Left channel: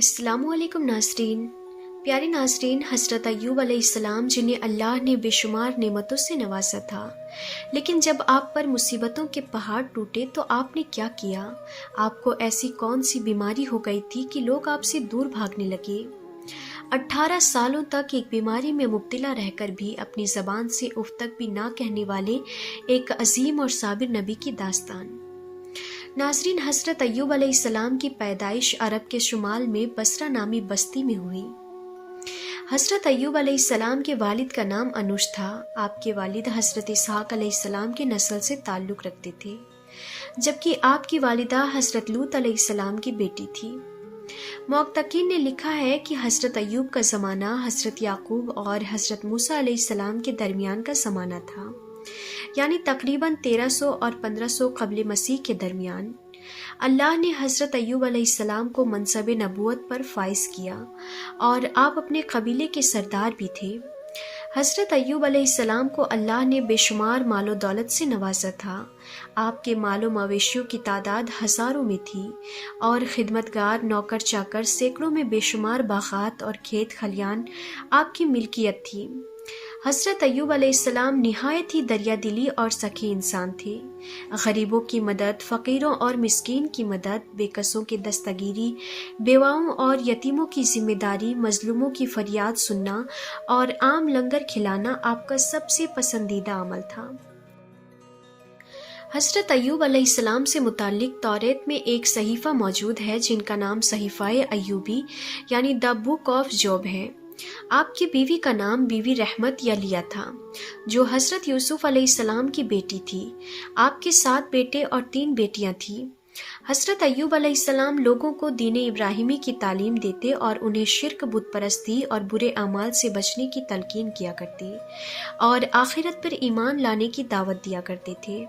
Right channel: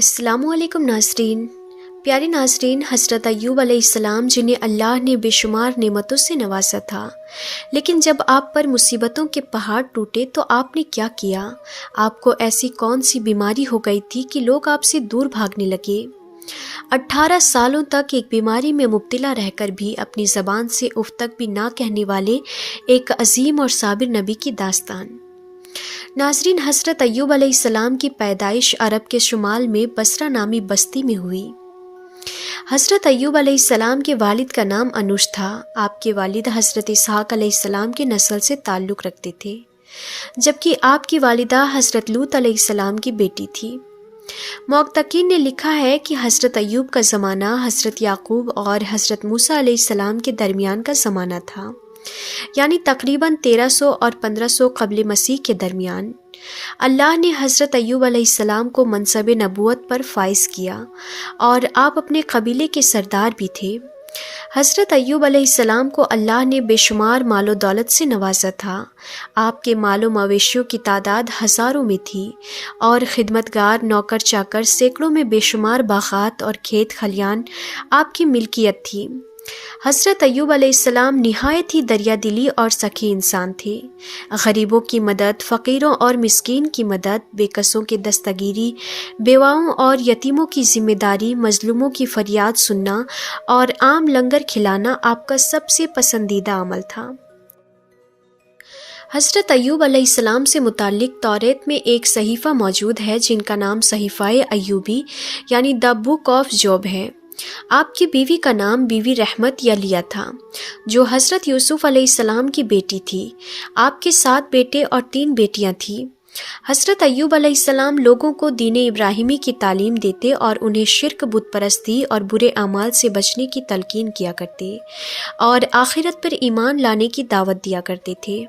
السلام علیکم ناظرین۔ پیارے ناظرین، حضرت ایوب علیہ السلام جنہیں اللہ نے بے شمار نعمتوں سے نوازا تھا، لیکن جب آپ پر مصیبتوں کے پہاڑ ٹوٹے تو آپ نے کیا کیا؟ آپ کو ایسی کون سی بیماری ہو گئی تھی کہ لوگ آپ سے دور بھاگنے لگے؟ 18 سالوں تک ایک بیماری میں مبتلا رہ کر بھی اپنی زبان سے اف تک بھی نہ کہنے والے ایک عظیم اور صابر نبی کی داستان۔ ناظرین، حضرت ایوب علیہ السلام کی پیدائش عرب کے شمال میں بصرہ نامی بستی میں ہوئی۔ حضرت ایوب علیہ السلام کے والد کا نام انوش تھا۔ آپ کے والد حضرت اسحاق علیہ السلام کے نسل سے تعلق رکھتے تھے، جبکہ آپ کی والدہ حضرت لوط علیہ السلام کی بیٹی تھی۔ محققین نے لکھا ہے کہ حضرت ایوب کا زمانہ حضرت یعقوب اور حضرت موسیٰ علیہ السلام کے درمیان کا زمانہ تھا، یعنی تقریباً 1300 اور 1500 قبل مسیح کے درمیان۔ اللہ نے حضرت ایوب علیہ السلام کو منصب نبوت پر فائز کیا اور آپ اپنے قبیلے کے سردار بھی تھے۔ حضرت ایوب علیہ السلام کو اللہ نے بے شمار مال و دولت سے نوازا تھا۔ آپ کے مال و مویشیوں کی تعداد ہزاروں میں تھی اور خدمتگار، نوکر چاکر، سینکڑوں میں بے شمار باغات اور کھیت کھلیان آپ کی ملکیت تھی۔ حضرت ایوب علیہ السلام نہایت ہی دریا دلی اور سخی انسان تھے۔ غریبوں کی مدد، فقیروں اور مسکین کی مدد، بے کسوں کی دستگیری، بیواؤں اور یتیموں کی ذمہ داری، مظلوموں کی فریاد سننا اور عام لنگر کھلانا آپ کا سب سے پسندیدہ عمل تھا۔ حضرت ایوب علیہ السلام سے متعلق توریت میں ایک صحیفہ موجود ہے جن کا نام صحیفہ ایوبی یعنی دی بک آف جوب ہے۔ آپ کی بیوی کا نام بیوی رحمت یا لیا تھا، جو حضرت یوسف علیہ السلام کی بیٹی تھی۔ آپ کے 7 بیٹے اور 3 بیٹیاں تھیں۔ حضرت ایوب علیہ السلام لوگوں کو دین ابراہیمی کی تعلیم دیتے اور انہیں شرک، بت پرستی اور برے اعمال سے بچنے کی تلقین کیا کرتے اور آخرت پر ایمان لانے کی دعوت دیا کرتے تھے۔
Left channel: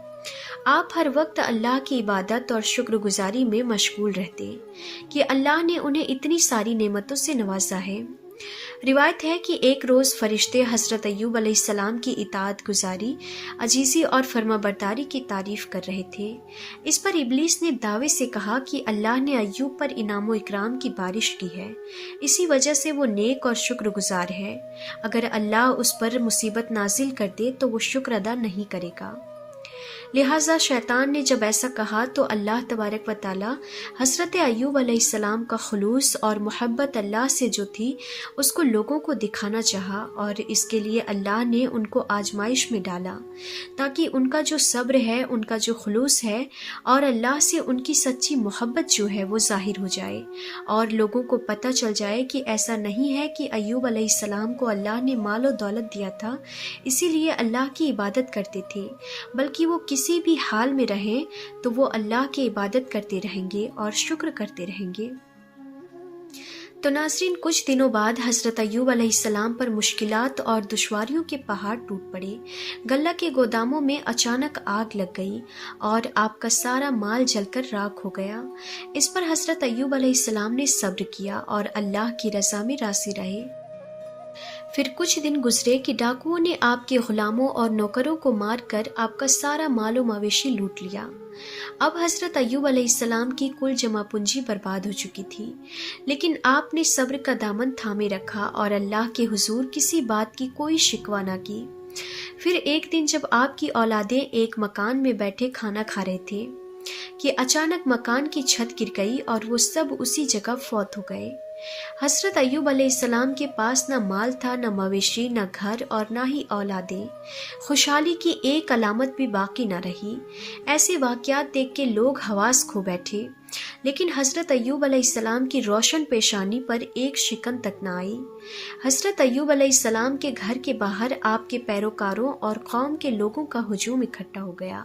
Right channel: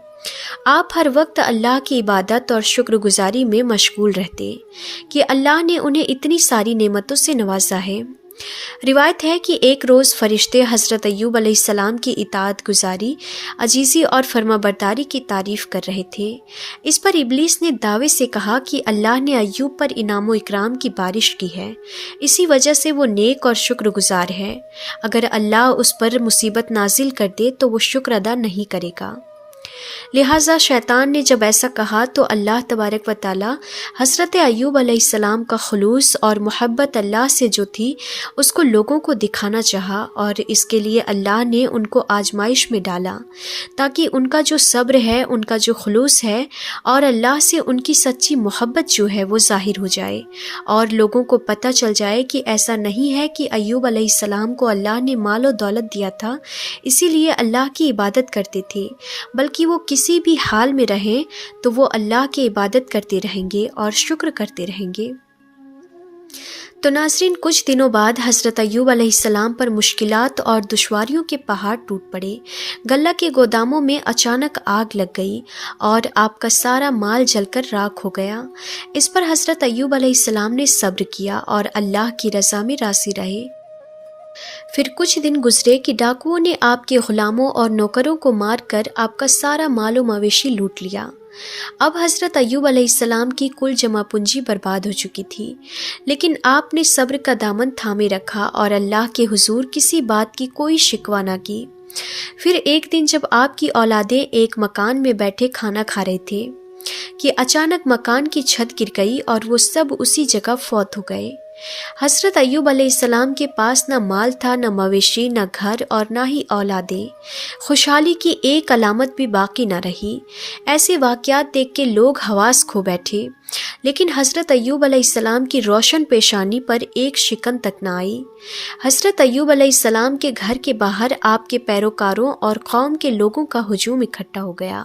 آپ ہر وقت اللہ کی عبادت اور شکر گزاری میں مشغول رہتے کہ اللہ نے انہیں اتنی ساری نعمتوں سے نوازا ہے۔ روایت ہے کہ ایک روز فرشتے حضرت ایوب علیہ السلام کی اطاعت گزاری، عجیزی اور فرما برداری کی تعریف کر رہے تھے۔ اس پر ابلیس نے دعوے سے کہا کہ اللہ نے ایوب پر انعام و اکرام کی بارش کی ہے، اسی وجہ سے وہ نیک اور شکر گزار ہے۔ اگر اللہ اس پر مصیبت نازل کر دے تو وہ شکر ادا نہیں کرے گا۔ لہٰذا شیطان نے جب ایسا کہا تو اللہ تبارک و تعالی حضرت ایوب علیہ السلام کا خلوص اور محبت اللہ سے جو تھی اس کو لوگوں کو دکھانا چاہا، اور اس کے لیے اللہ نے ان کو آزمائش میں ڈالا تاکہ ان کا جو صبر ہے، ان کا جو خلوص ہے اور اللہ سے ان کی سچی محبت جو ہے وہ ظاہر ہو جائے، اور لوگوں کو پتہ چل جائے کہ ایسا نہیں ہے کہ ایوب علیہ السلام کو اللہ نے مال و دولت دیا تھا اسی لیے اللہ کی عبادت کرتے تھے، بلکہ وہ کسی بھی حال میں رہیں تو وہ اللہ کی عبادت کرتے رہیں گے اور شکر کرتے رہیں گے۔ تو ناظرین، کچھ دنوں بعد حضرت ایوب علیہ السلام پر مشکلات اور دشواریوں کے پہاڑ ٹوٹ پڑے۔ غلہ کے گوداموں میں اچانک آگ لگ گئی اور آپ کا سارا مال جل کر راکھ ہو گیا۔ اس پر حضرت ایوب علیہ السلام نے صبر کیا اور اللہ کی رضا میں راضی رہے۔ پھر کچھ دن گزرے کہ ڈاکوؤں نے آپ کے غلاموں اور نوکروں کو مار کر آپ کا سارا مال و مویشی لوٹ لیا۔ اب حضرت ایوب علیہ السلام کی کل جمع پونجی برباد ہو چکی تھی، لیکن آپ نے صبر کا دامن تھامے رکھا اور اللہ کے حضور کسی بات کی کوئی شکوہ نہ کی۔ پھر ایک دن جب آپ کی اولادیں ایک مکان میں بیٹھے کھانا کھا رہے تھے کہ اچانک مکان کی چھت گر گئی اور وہ سب اسی جگہ فوت ہو گئے۔ حضرت ایوب علیہ السلام کے پاس نہ مال تھا، نہ مویشی، نہ گھر اور نہ ہی اولادیں۔ خوشحالی کی ایک علامت بھی باقی نہ رہی۔ ایسے واقعات دیکھ کے لوگ حواس کھو بیٹھے، لیکن حضرت ایوب علیہ السلام کی روشن پیشانی پر ایک شکن تک نہ آئی۔ حضرت ایوب علیہ السلام کے گھر کے باہر آپ کے پیروکاروں اور قوم کے لوگوں کا ہجوم اکٹھا ہو گیا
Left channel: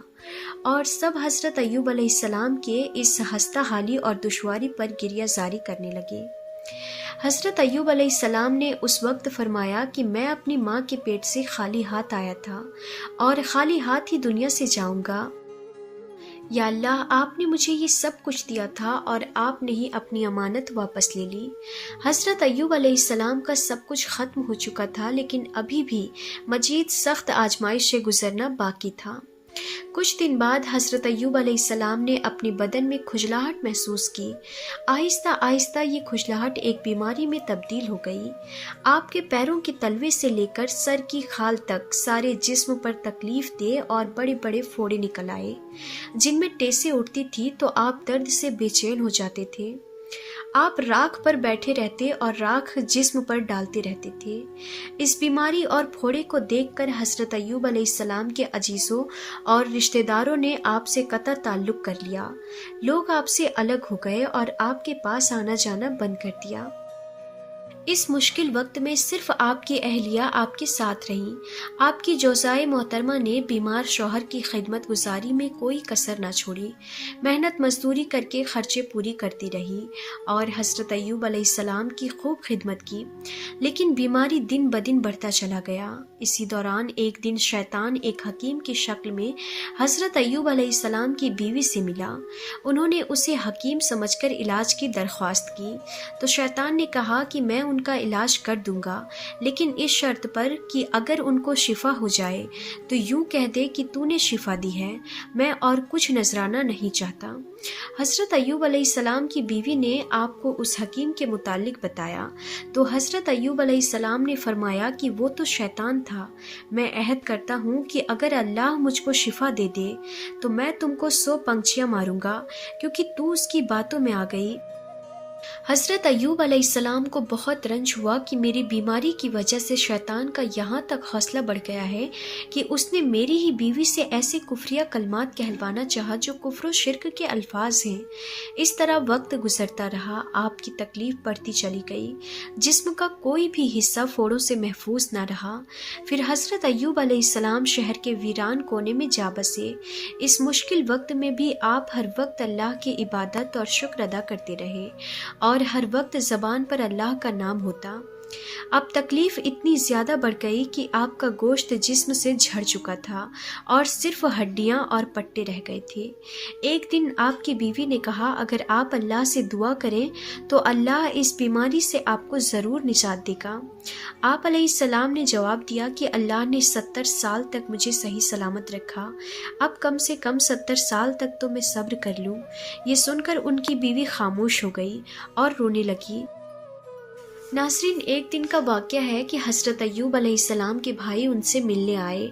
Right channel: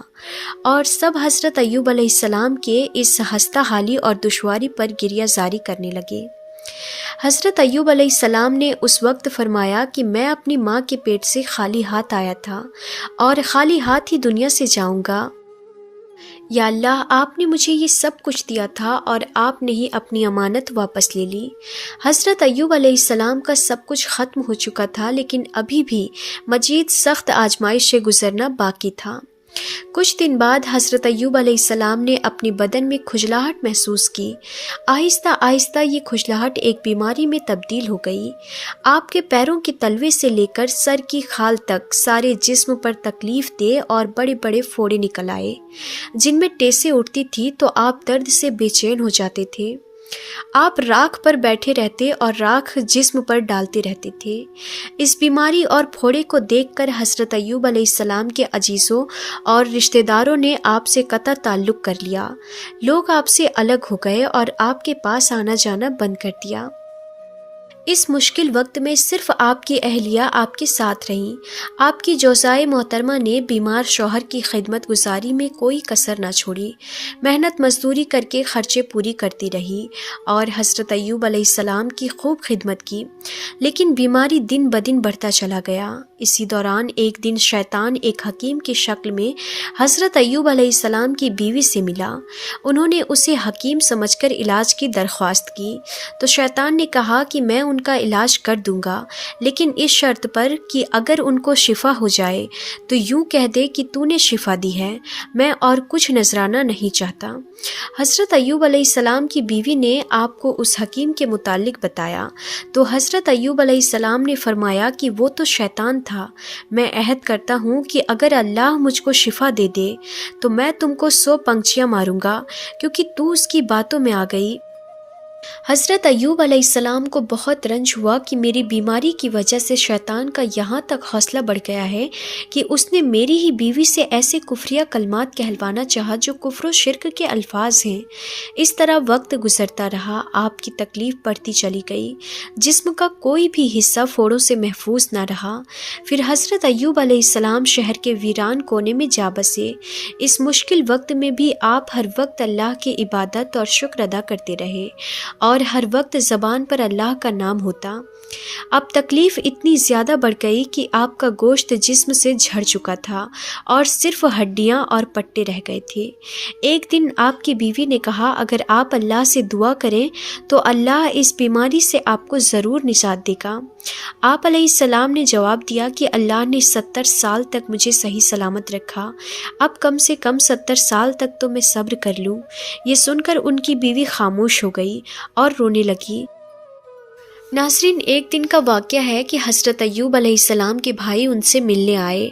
اور سب حضرت ایوب علیہ السلام کے اس ہستہ حالی اور دشواری پر گریہ زاری کرنے لگے۔ حضرت ایوب علیہ السلام نے اس وقت فرمایا کہ میں اپنی ماں کے پیٹ سے خالی ہاتھ آیا تھا اور خالی ہاتھ ہی دنیا سے جاؤں گا۔ یا اللہ، آپ نے مجھے یہ سب کچھ دیا تھا اور آپ نے ہی اپنی امانت واپس لے لی۔ حضرت ایوب علیہ السلام کا سب کچھ ختم ہو چکا تھا، لیکن ابھی بھی مزید سخت آزمائش سے گزرنا باقی تھا۔ کچھ دن بعد حضرت ایوب علیہ السلام نے اپنے بدن میں کھجلاہٹ محسوس کی۔ آہستہ آہستہ یہ کھجلاہٹ ایک بیماری میں تبدیل ہو گئی۔ آپ کے پیروں کے تلوے سے لے کر سر کی کھال تک سارے جسم پر تکلیف دہ اور بڑے بڑے پھوڑے نکل آئے، جن میں ٹیسیں اٹھتی تھی تو آپ درد سے بے چین ہو جاتے تھے۔ آپ راکھ پر بیٹھے رہتے اور راکھ جسم پر ڈالتے رہتے تھے۔ اس بیماری اور پھوڑے کو دیکھ کر حضرت ایوب علیہ السلام کے عزیزوں اور رشتہ داروں نے آپ سے قطع تعلق کر لیا۔ لوگ آپ سے الگ ہو گئے اور آپ کے پاس آنا جانا بند کر دیا۔ اس مشکل وقت میں صرف آپ کی اہلیہ آپ کے ساتھ رہیں۔ آپ کی جوزائے محترمہ نے بیمار شوہر کی خدمت گزاری میں کوئی کسر نہ چھوڑی، محنت مزدوری کر کے خرچے پوری کرتی رہی اور حضرت ایوب علیہ السلام کی خوب خدمت کی، لیکن بیماری دن بدن بڑھتا چلا گیا۔ اسی دوران ایک دن شیطان ایک حکیم کی شکل میں حضرت ایوب علیہ السلام کی بیوی سے ملا۔ انہوں نے اسے حکیم سمجھ کر علاج کی درخواست کی تو شیطان نے کہا کہ میں ان کا علاج کر دوں گا، لیکن اس شرط پر کہ اگر ان کو شفا ہو جائے تو یوں کہہ دے کہ تو نے شفا دی ہے، میں اور کچھ نذرانہ نہیں چاہتا۔ حضرت ایوب علیہ السلام کی بیوی نے آپ کو اس حکیم کے متعلق بتایا تو حضرت ایوب علیہ السلام نے فرمایا کہ وہ تو شیطان تھا، میں عہد کرتا ہوں کہ اگر اللہ مجھ کو شفا دے دے تو میں تم کو 100 پنچیاں ماروں گا، کیونکہ تو اس کی باتوں میں آ گئی۔ حضرت ایوب علیہ السلام کو بہت رنج ہوا کہ میری بیماری کی وجہ سے شیطان کا یہاں تک حوصلہ بڑھ گیا ہے کہ اس نے میری ہی بیوی سے ایسے کفریہ کلمات کہلوانا چاہا جو کفر و شرک کے الفاظ ہیں۔ اس طرح وقت گزرتا رہا، آپ کی تکلیف بڑھتی چلی گئی، جسم کا کوئی بھی حصہ پھوڑوں سے محفوظ نہ رہا۔ پھر حضرت ایوب علیہ السلام شہر کے ویران کونے میں جا بسے۔ اس مشکل وقت میں بھی آپ ہر وقت اللہ کی عبادت اور شکر ادا کرتے رہے اور ہر وقت زبان پر اللہ کا نام ہوتا۔ اب تکلیف اتنی زیادہ بڑھ گئی کہ آپ کا گوشت جسم سے جھڑ چکا تھا اور صرف ہڈیاں اور پٹے رہ گئے تھے۔ ایک دن آپ کی بیوی نے کہا اگر آپ اللہ سے دعا کریں تو اللہ اس بیماری سے آپ کو ضرور نجات دے گا۔ آپ علیہ السلام نے جواب دیا کہ اللہ نے 70 سال تک مجھے صحیح سلامت رکھا، اب کم سے کم 70 سال تک تو میں صبر کر لوں۔ یہ سن کر ان کی بیوی خاموش ہو گئی اور رونے لگی۔ ناظرین، ایک دن کا واقعہ ہے کہ حضرت ایوب علیہ السلام کے بھائی ان سے ملنے آئے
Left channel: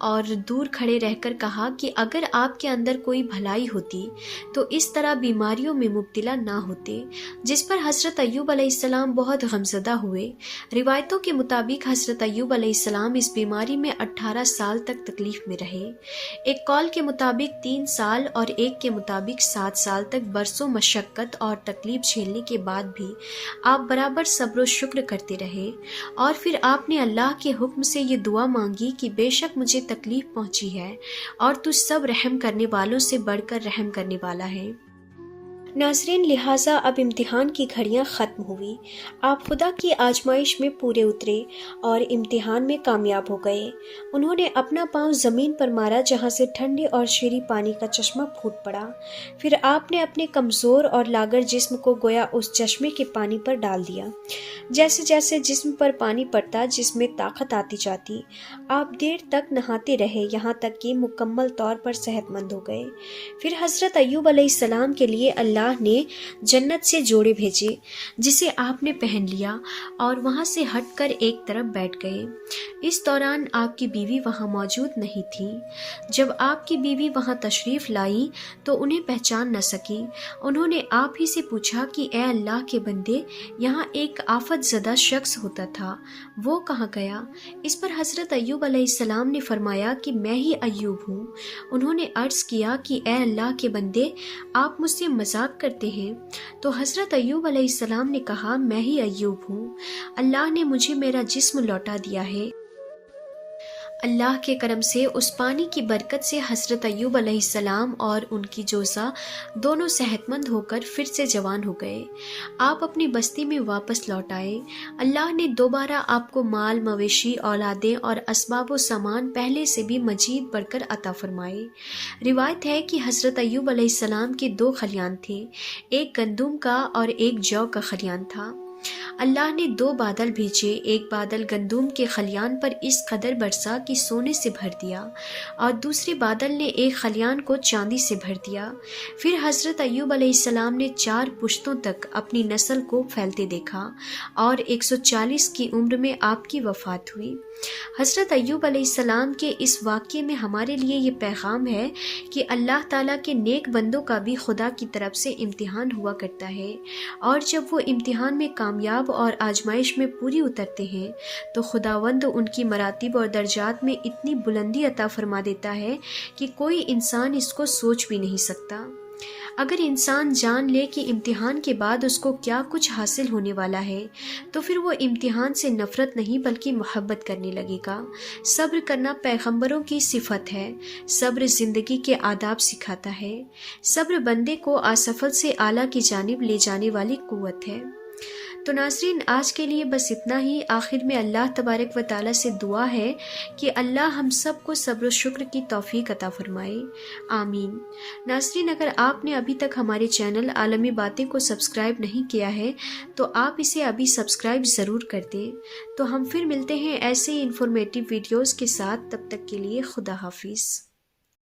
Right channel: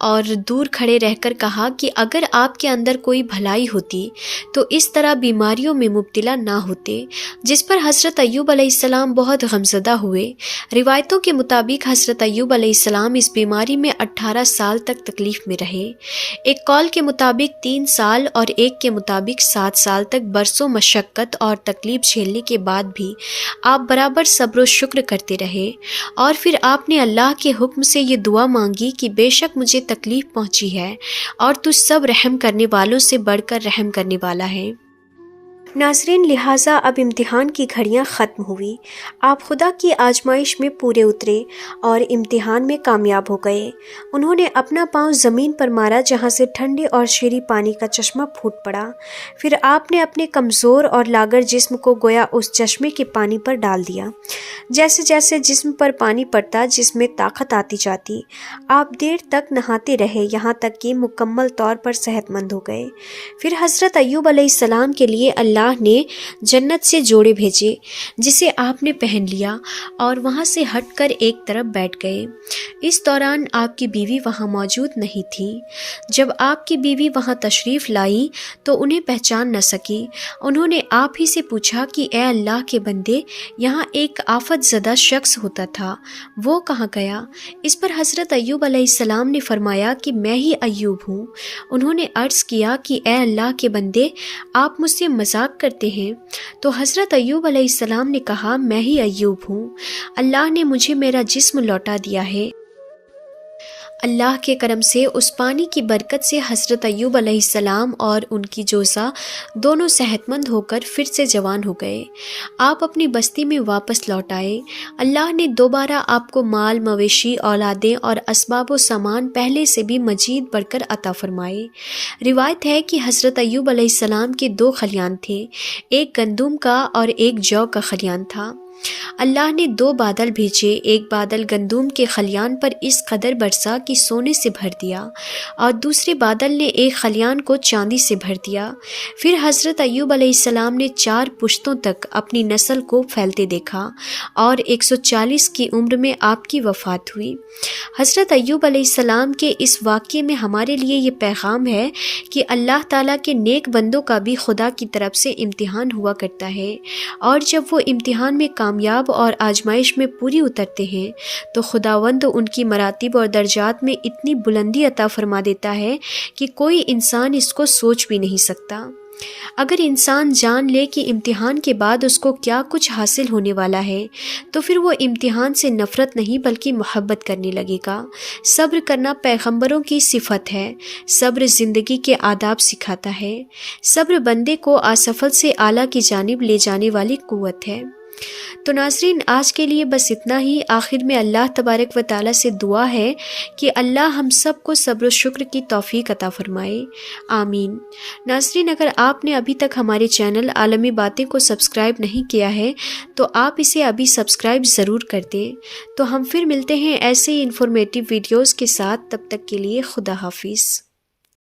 اور دور کھڑے رہ کر کہا کہ اگر آپ کے اندر کوئی بھلائی ہوتی تو اس طرح بیماریوں میں مبتلا نہ ہوتے، جس پر حضرت ایوب علیہ السلام بہت غمزدہ ہوئے۔ روایتوں کے مطابق حضرت ایوب علیہ السلام اس بیماری میں 18 سال تک تکلیف میں رہے۔ ایک قول کے مطابق 3 سال اور ایک کے مطابق 7 سال تک برسوں مشقت اور تکلیف جھیلنے کے بعد بھی آپ برابر صبر و شکر کرتے رہے، اور پھر آپ نے اللہ کے حکم سے یہ دعا مانگی کہ بے شک مجھے تکلیف پہنچی ہے اور تو سب رحم کرنے والوں سے بڑھ کر رحم کرنے والا ہے۔ ناظرین، لہٰذا اب امتحان کی گھڑیاں ختم ہوئی۔ آپ خدا کی آزمائش میں پورے اترے اور امتحان میں کامیاب ہو گئے۔ انہوں نے اپنا پاؤں زمین پر مارا جہاں سے ٹھنڈے اور شیریں پانی کا چشمہ پھوٹ پڑا۔ پھر آپ نے اپنے کمزور اور لاغر جسم کو گویا اس چشمے کے پانی پر ڈال دیا۔ جیسے جیسے جسم پر پانی پڑتا جسم میں طاقت آتی جاتی۔ آپ دیر تک نہاتے رہے یہاں تک کہ مکمل طور پر صحت مند ہو گئے۔ پھر حضرت ایوب علیہ السلام کے لیے اللہ نے جنت سے جوڑے بھیجے جسے آپ نے پہن لیا اور وہاں سے ہٹ کر ایک طرف بیٹھ گئے۔ اس دوران آپ کی بیوی وہاں موجود نہیں تھی۔ جب آپ کی بیوی وہاں تشریف لائی تو انہیں پہچان نہ سکی۔ انہوں نے آپ ہی سے پوچھا کہ اے اللہ کے بندے، یہاں ایک آفت زدہ شخص ہوتا تھا، وہ کہاں گیا؟ اس پر حضرت ایوب علیہ السلام نے فرمایا کہ میں ہی ایوب ہوں۔ انہوں نے عرض کیا کہ اے اللہ کے بندے، آپ مجھ سے مذاق کرتے ہیں؟ تو حضرت ایوب علیہ السلام نے کہا میں ہی ایوب ہوں، اللہ نے مجھے میرا جسم لوٹا دیا ہے۔ اللہ کے کرم سے اس پانی کی برکت سے حضرت ایوب علیہ السلام اور ان کی جوزا دونوں صحت مند ہو کر پھر سے جوان ہو گئے۔ آپ اپنی بستی میں واپس لوٹ آئے۔ اللہ نے دوبارہ آپ کو مال، مویشی، اولادیں اور اسباب و سامان پہلے سے بھی مزید بڑھ کر عطا فرمائے۔ روایت ہے کہ حضرت ایوب علیہ السلام کے 2 خلیان تھے، ایک گندم کا اور ایک جو کا خلیان تھا۔ اللہ نے 2 بادل بھیجے، ایک بادل گندم کے خلیان پر اس قدر برسا کہ سونے سے بھر دیا، اور دوسرے بادل نے ایک خلیان کو چاندی سے بھر دیا۔ پھر حضرت ایوب علیہ السلام نے 4 پشتوں تک اپنی نسل کو پھیلتے دیکھا، اور 140 کی عمر میں آپ کی وفات ہوئی۔ حضرت ایوب علیہ السلام کے اس واقعے میں ہمارے لیے یہ پیغام ہے کہ اللہ تعالیٰ کے نیک بندوں کا بھی خدا کی طرف سے امتحان ہوا کرتا ہے، اور جب وہ امتحان میں کامیاب اور آزمائش میں پوری اترتے ہیں تو خداوند ان کی مراتب اور درجات میں اتنی بلندی عطا فرما دیتا ہے کہ کوئی انسان اس کو سوچ بھی نہیں سکتا۔ اگر انسان جان لے کہ امتحان کے بعد اس کو کیا کچھ حاصل ہونے والا ہے تو پھر وہ امتحان سے نفرت نہیں بلکہ محبت کرنے لگے گا۔ صبر کرنا پیغمبروں کی صفت ہے۔ صبر زندگی کے آداب سکھاتا ہے۔ صبر بندے کو اسفل سے اعلیٰ کی جانب لے جانے والی قوت ہے۔ تو ناظرین، آج کے لیے بس اتنا ہی۔ آخر میں اللہ تبارک و تعالیٰ سے دعا ہے کہ اللہ ہم سب کو صبر و شکر کی توفیق عطا فرمائے، آمین۔ ناظرین، اگر آپ نے ابھی تک ہمارے چینل عالمی باتیں کو سبسکرائب نہیں کیا ہے تو آپ اسے ابھی سبسکرائب ضرور کر دیں۔ تو ہم پھر ملتے ہیں ایسے ہی انفارمیٹیو ویڈیوز کے ساتھ، تب تک کے لیے خدا حافظ۔